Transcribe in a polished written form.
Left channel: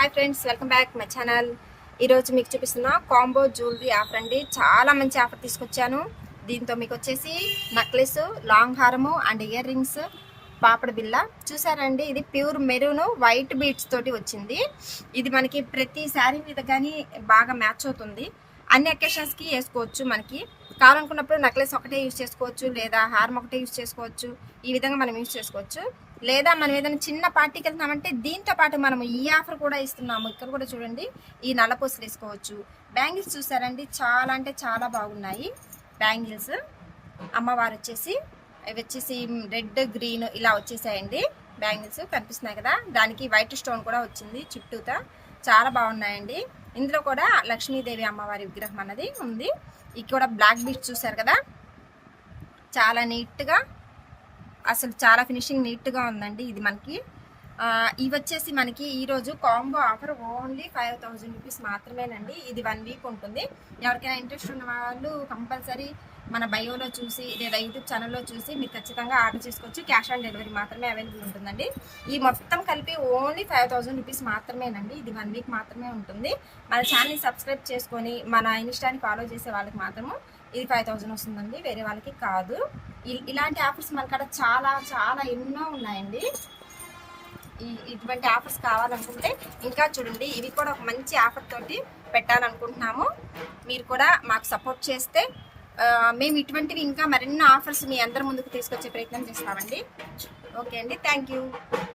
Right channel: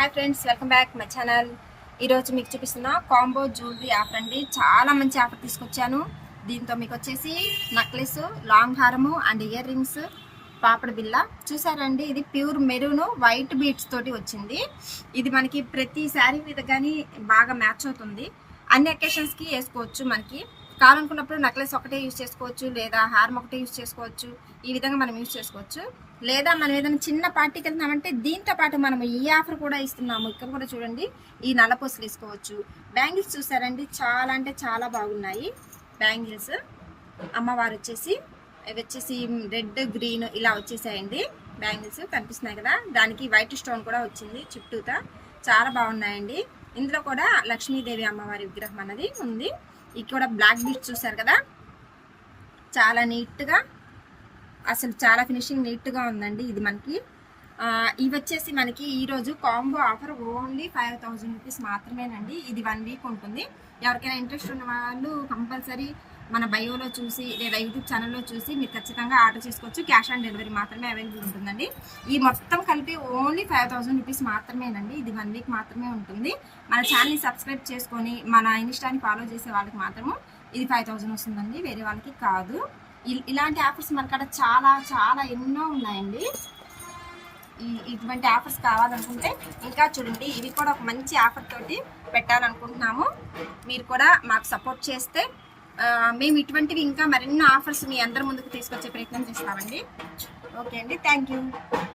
Hi friends, welcome back my channel. ఈరోజు మీకు చూపిస్తున్న కాంబో జ్యువెలరీ ఆఫర్ అండి. చాలా మంచి ఆఫర్ తీసుకొచ్చాను. దీంతో మీకు వచ్చేసి నెక్లెస్, లాంగ్ హారము అండ్ ఇయర్ రింగ్స్, పాపడ బిల్ల చూసారండి. ఇది ప్యూర్ మెరూన్ వైట్ బీడ్స్ తోటి వచ్చింది. ఇది మనకి ప్రతి శారీ మీద కానీ బాగా మ్యాచ్ అవుతుంది. అన్ని అకేషన్స్కి వేసుకోవచ్చు. మనకి కావాలనుకున్నప్పుడు నెక్లెస్ ఒకటే యూజ్ చేసుకోవచ్చు, లేదా హారం ఒకటే యూజ్ చేసుకోవచ్చు. ఈ విధంగా మనం యూజ్ చేసుకోవచ్చు. లేదా మనం ఏదైనా చిన్న పార్టీకి వెళ్తున్నామంటే దీంతో పాటు మనం ఈ ఆఫర్ కూడా ఇస్తున్నాము. ఇక్కడ కూడా చూడండి, ఈ నల్లపూసలు వేసుకోవచ్చు. బ్యాంగిల్స్ చూసారండి, చాలా అంటే చాలా బాగున్నాయి బ్యాంగిల్స్. అమ్మవారు వచ్చేసి ఇవి వచ్చేసి రెడ్ గ్రీన్ ఇలా వచ్చేసాయండి. బ్యాంగిల్స్ కనిపిస్తున్నాయి కదా, దానికి వైట్ స్టోన్ కూడా వచ్చింది చుట్టూతా. చాలా బాగున్నాయండి. ఇందులో కూడా లక్ష్మీదేవి అమ్మవారి విగ్రహం అన్నది ఉంది. ఇక్కడ బ్లాక్ బీడ్స్ చూసారు కదా, చాలా నీట్గా, అసలు చాలా ఫినిషింగ్ నీట్గా ఉందండి. ఇది మనకి ఇవి వచ్చేసి మనకి ఈరోజు కాంబో ఆఫర్ ఓన్లీ 5000 రూపీస్ మాత్రమేనండి. ఇది 1 వీక్ ఉంటుంది. ఎవరికైనా ఇంట్రెస్ట్ ఉన్న వాళ్ళు కంపల్సరీ మన బయోలో చూసి లేదా యూట్యూబ్ ఛానల్లో చూసి మీరు ఖచ్చితంగా ఆర్డర్ చేసుకోవచ్చు. క్యాష్ ఆన్ డెలివరీ మాత్రమే అవైలబుల్ ఉంటుందండి. ఈ మొత్తం కలిపి ఓన్లీ 5000 రూపీస్ మాత్రమేనండి. ఇది 1 వీక్ మాత్రమే ఉంటుంది. మన ఛానల్ని సబ్స్క్రైబ్ చేసుకొని మన ఇన్స్టాని ఫాలో చేసే వాళ్ళకి మాత్రము ఇది 5000 వస్తుందండి, వేరే వాళ్ళకి కాదు. ఇలాంటి ఆఫర్స్ మనకాడ చాలా చాలా ఎన్నో ఉన్నాయండి. ఇటువంటి ఆఫర్స్ కావాలనుకుంటే ఇంకా చూడండి, ఇవి కూడా ఒక మంచి ఆఫర్ తోటి పెట్టాలనుకుంటున్నాము. మీరు కూడా మాకు సపోర్ట్ చేస్తే మేము ఇటువంటివి ఇంకా మరిన్ని ఆఫర్స్ మీ అందరి ముందుకు తీసుకొచ్చే ప్రయత్నం చేస్తామండి. ఓకే అండి, థ్యాంక్ యూ.